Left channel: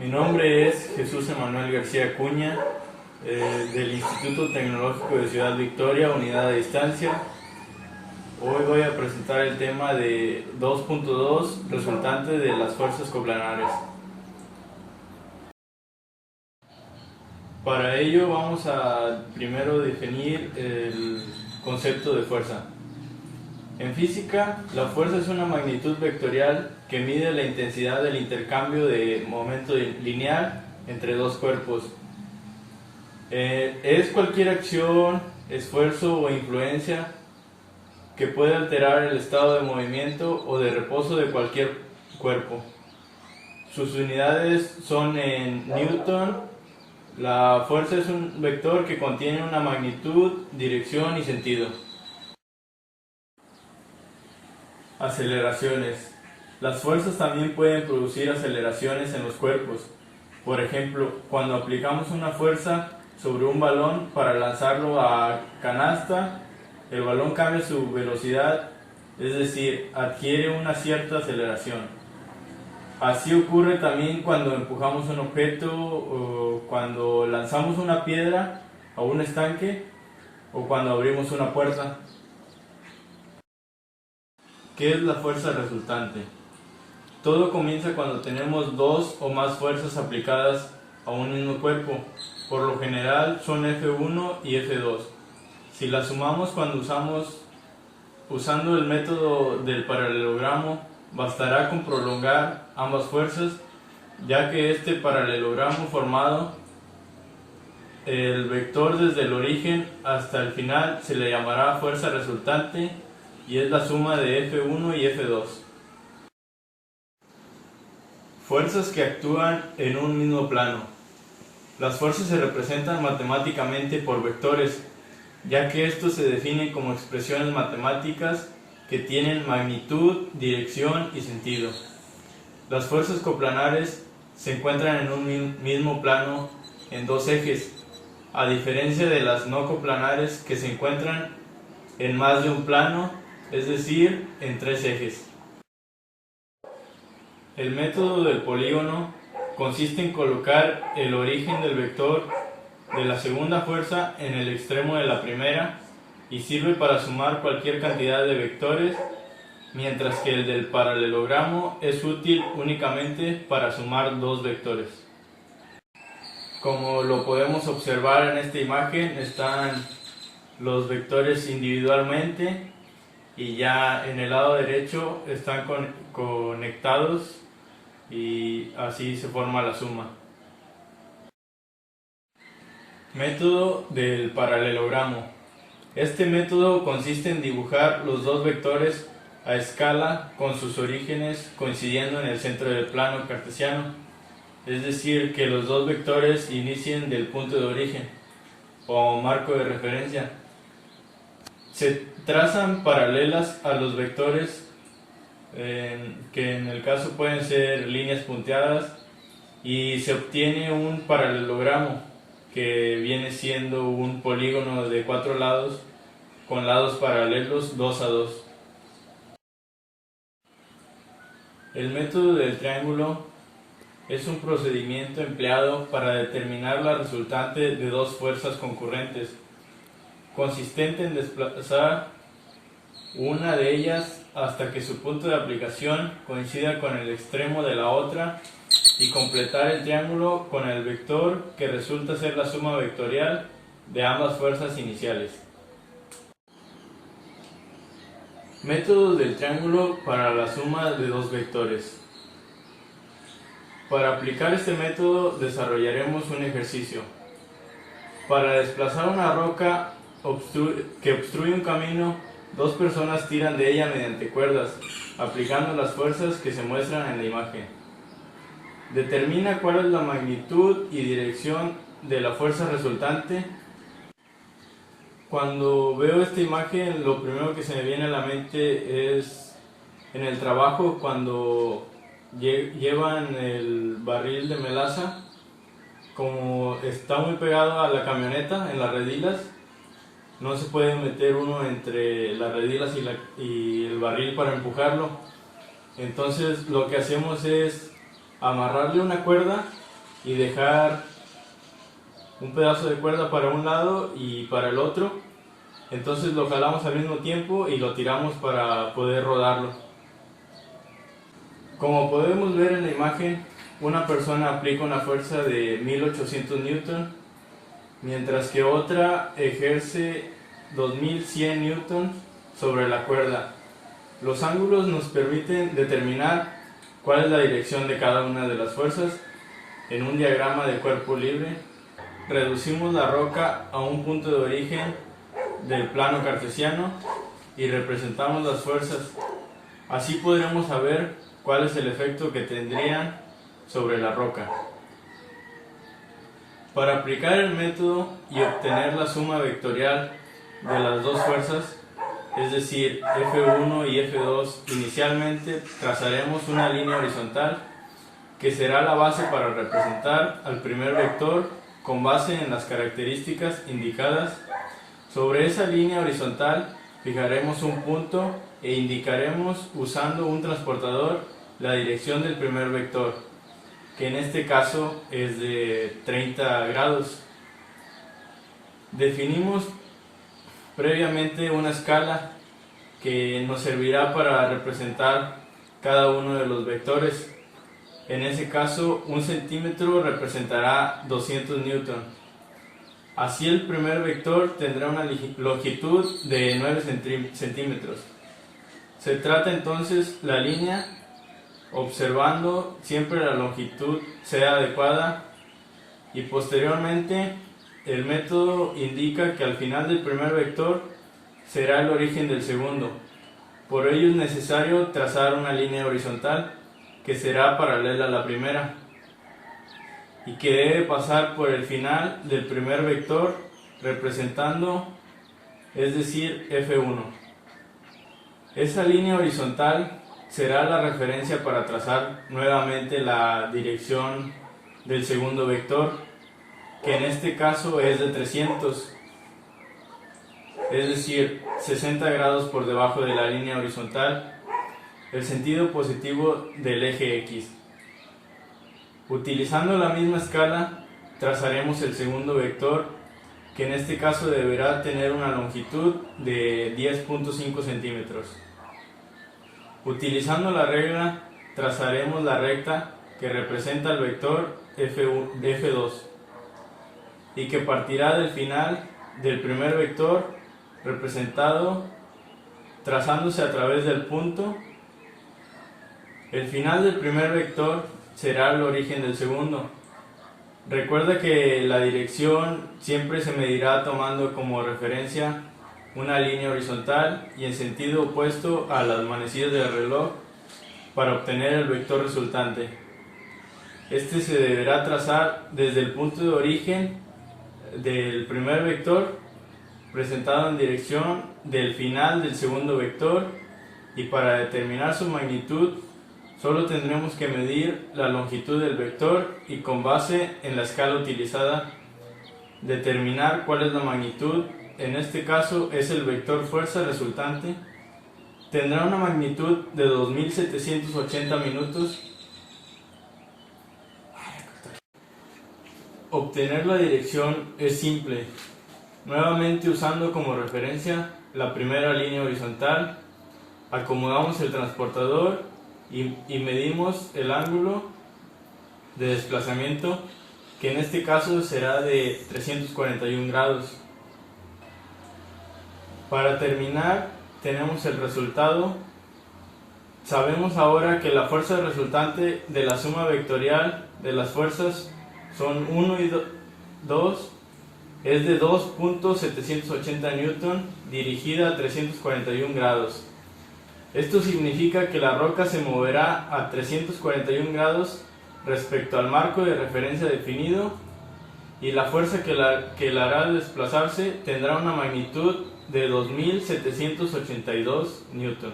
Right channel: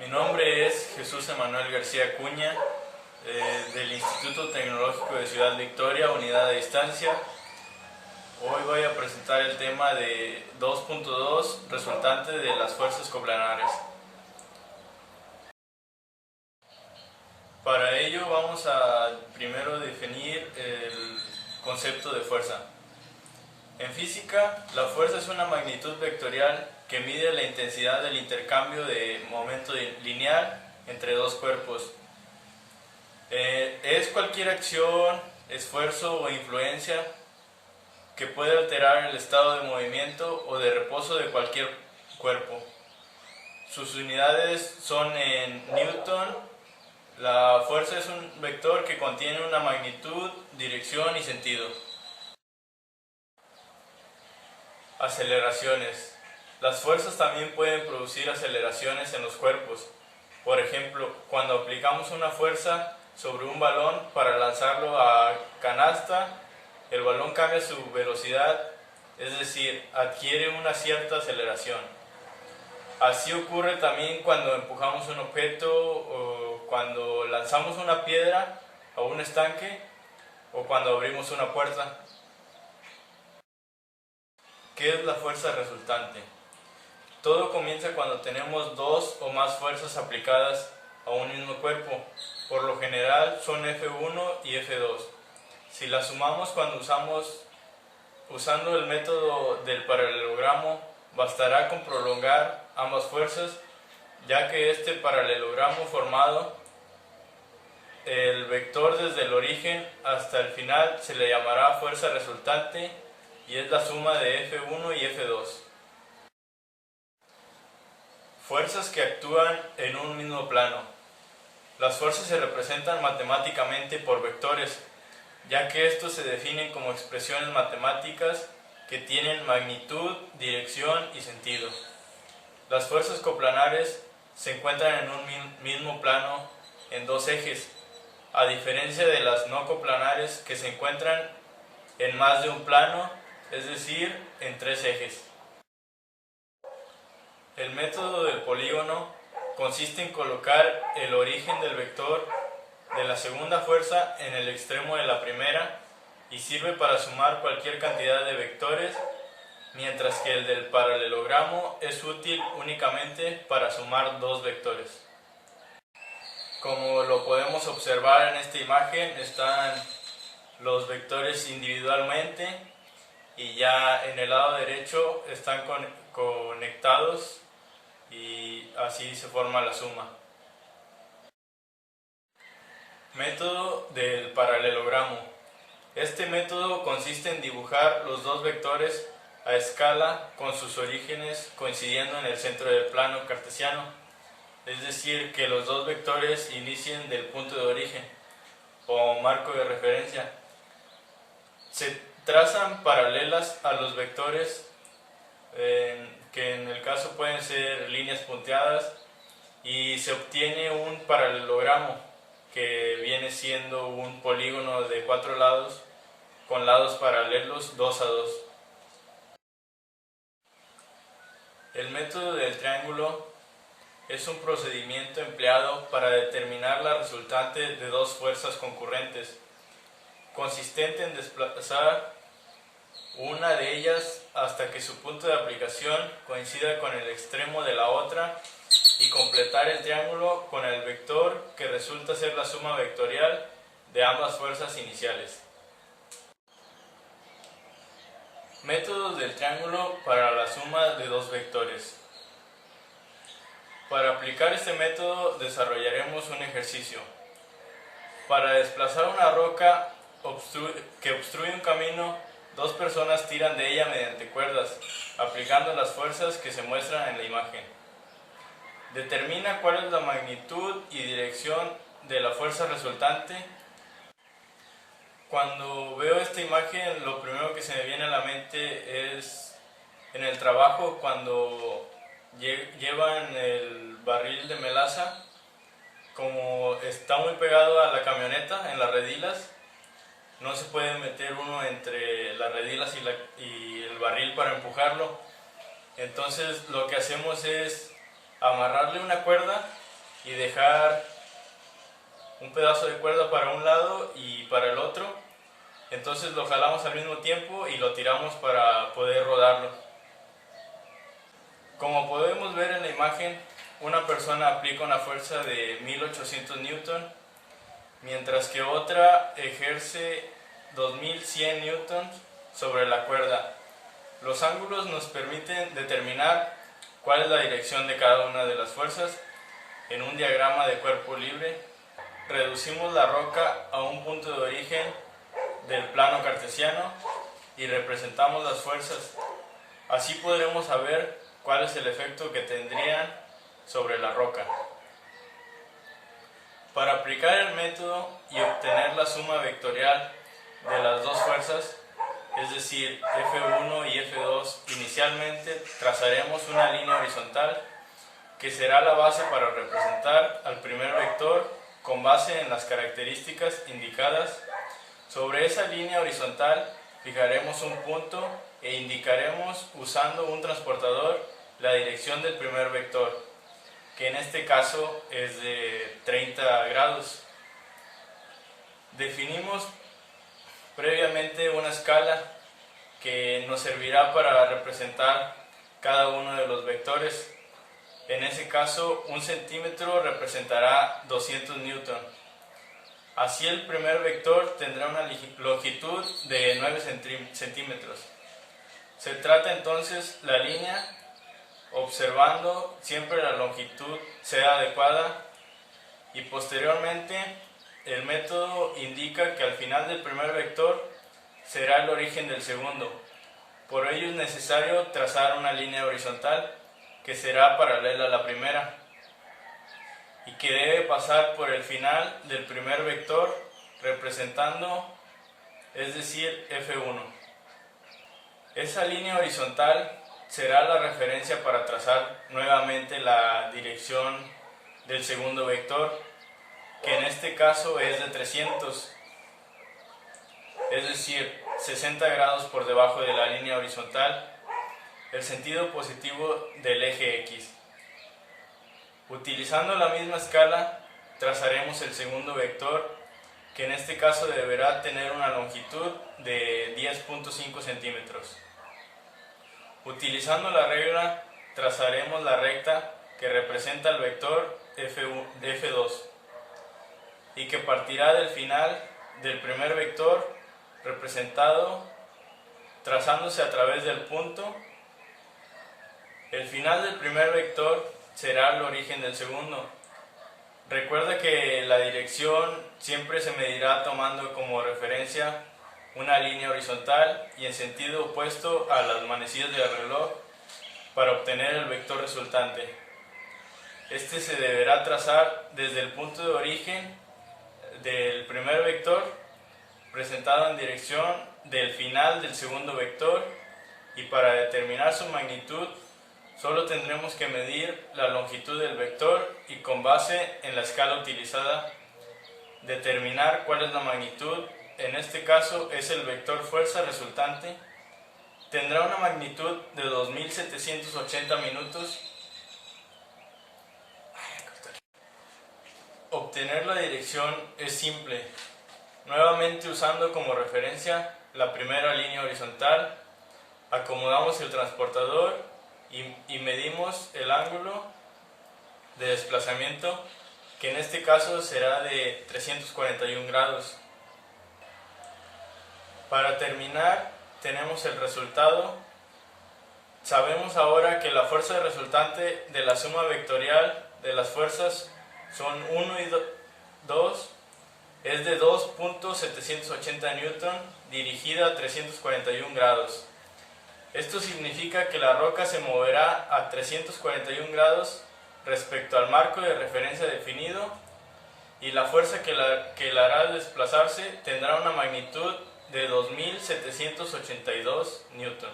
Mi nombre es Jesús Emanuel García Acuña, del Instituto Tecnológico de Ciudad Victoria, Unidad a Distancia. Hoy voy a presentar el tema de 2.2, resultante de las fuerzas coplanares. Para ello vamos a primero definir el concepto de fuerza. En física, la fuerza es una magnitud vectorial que mide la intensidad del intercambio de momento lineal entre dos cuerpos. Es cualquier acción, esfuerzo o influencia que puede alterar el estado de movimiento o de reposo de cualquier cuerpo. Sus unidades son en Newton. La fuerza es un vector que contiene una magnitud, dirección y sentido. Aceleraciones. Las fuerzas también pueden producir aceleraciones en los cuerpos. Por ejemplo, cuando aplicamos una fuerza sobre un balón para lanzarlo a canasta, el balón cambia su velocidad, es decir, adquiere una cierta aceleración. Así ocurre también cuando empujamos un objeto o cuando lanzamos una piedra a un estanque o cuando abrimos una puerta. ¿Qué es la fuerza resultante? Todo comienza cuando tenemos dos o más fuerzas aplicadas a un mismo cuerpo. Por lo general son F1 y F2. Si las sumamos usando el método del paralelogramo, bastará con prolongar ambas fuerzas, ya que este paralelogramo formado, el vector desde el origen hasta el final se le llamará fuerza resultante y es la suma de F1 y F2. Fuerzas que actúan en un mismo plano. Las fuerzas se representan matemáticamente por vectores, ya que estos se definen como expresiones matemáticas que tienen magnitud, dirección y sentido. Las fuerzas coplanares se encuentran en un mismo plano en dos ejes, a diferencia de las no coplanares que se encuentran en más de un plano, es decir, en tres ejes. El método del polígono consiste en colocar el origen del vector de la segunda fuerza en el extremo de la primera y sirve para sumar cualquier cantidad de vectores, mientras que el del paralelogramo es útil únicamente para sumar dos vectores. Como lo podemos observar en esta imagen, están los vectores individualmente y ya en el lado derecho están conectados y así se forma la suma. Método del paralelogramo. Este método consiste en dibujar los dos vectores a escala con sus orígenes coincidiendo en el centro del plano cartesiano, es decir, que los dos vectores inicien del punto de origen o marco de referencia. Se trazan paralelas a los vectores, que en el caso pueden ser líneas punteadas, y se obtiene un paralelogramo que viene siendo un polígono de 4 lados con lados paralelos 2 a 2. El método del triángulo es un procedimiento empleado para determinar la resultante de dos fuerzas concurrentes, consistente en desplazar una de ellas hasta que su punto de aplicación coincida con el extremo de la otra y completar el triángulo con el vector que resulta ser la suma vectorial de ambas fuerzas iniciales. Métodos del triángulo para la suma de dos vectores. Para aplicar este método desarrollaremos un ejercicio. Para desplazar una roca que obstruye un camino, dos personas tiran de ella mediante cuerdas, aplicando las fuerzas que se muestran en la imagen. Determina cuál es la magnitud y dirección de la fuerza resultante. Cuando veo esta imagen, lo primero que se me viene a la mente es en el trabajo cuando llevan el barril de melaza, como está muy pegado a la camioneta en las redilas, no se puede meter uno entre las redilas y el barril para empujarlo. Entonces lo que hacemos es amarrarle una cuerda y dejar un pedazo de cuerda para un lado y para el otro. Entonces lo jalamos al mismo tiempo y lo tiramos para poder rodarlo. Como podemos ver en la imagen, una persona aplica una fuerza de 1800 newton, mientras que otra ejerce 2100 newton sobre la cuerda. Los ángulos nos permiten determinar cuál es la dirección de cada una de las fuerzas. En un diagrama de cuerpo libre, reducimos la roca a un punto de origen del plano cartesiano y representamos las fuerzas. Así podremos saber cuál es el efecto que tendrían sobre la roca. Para aplicar el método y obtener la suma vectorial de las dos fuerzas, es decir, F1 y F2, inicialmente trazaremos una línea horizontal que será la base para representar al primer vector con base en las características indicadas. Sobre esa línea horizontal fijaremos un punto e indicaremos usando un transportador la dirección del primer vector, que en este caso es de 30 grados. Definimos previamente una escala que nos servirá para representar cada uno de los vectores. En ese caso, 1 centímetro representará 200 newton. Así el primer vector tendrá una longitud de 9 centímetros. Se trata entonces la línea, observando siempre la longitud sea adecuada, y posteriormente el método indica que al final del primer vector será el origen del segundo. Por ello es necesario trazar una línea horizontal que será paralela a la primera y que debe pasar por el final del primer vector representando, es decir, F1. Esa línea horizontal será la referencia para trazar nuevamente la dirección del segundo vector, que en este caso es de 300, es decir, 60 grados por debajo de la línea horizontal, el sentido positivo del eje X. Utilizando la misma escala, trazaremos el segundo vector, que en este caso deberá tener una longitud de 10.5 centímetros. Utilizando la regla, trazaremos la recta que representa el vector F2 y que partirá del final del primer vector representado trazándose a través del punto. El final del primer vector será el origen del segundo. Recuerda que la dirección siempre se medirá tomando como referencia una línea horizontal y en sentido opuesto a las manecillas del reloj para obtener el vector resultante. Este se deberá trazar desde el punto de origen del primer vector presentado en dirección del final del segundo vector, y para determinar su magnitud solo tendremos que medir la longitud del vector y con base en la escala utilizada determinar cuál es la magnitud. En este caso es el vector fuerza resultante. Tendrá una magnitud de 2780 minutos. Obtener la dirección es simple. Nuevamente usando como referencia la primera línea horizontal, acomodamos el transportador y medimos el ángulo de desplazamiento, que en este caso será de 341 grados. Para terminar, tenemos el resultado. Sabemos ahora que la fuerza resultante de la suma vectorial de las fuerzas son 1 y 2, es de 2.780 newton dirigida a 341 grados. Esto significa que la roca se moverá a 341 grados respecto al marco de referencia definido, y la fuerza que la hará desplazarse tendrá una magnitud de 2782 newton.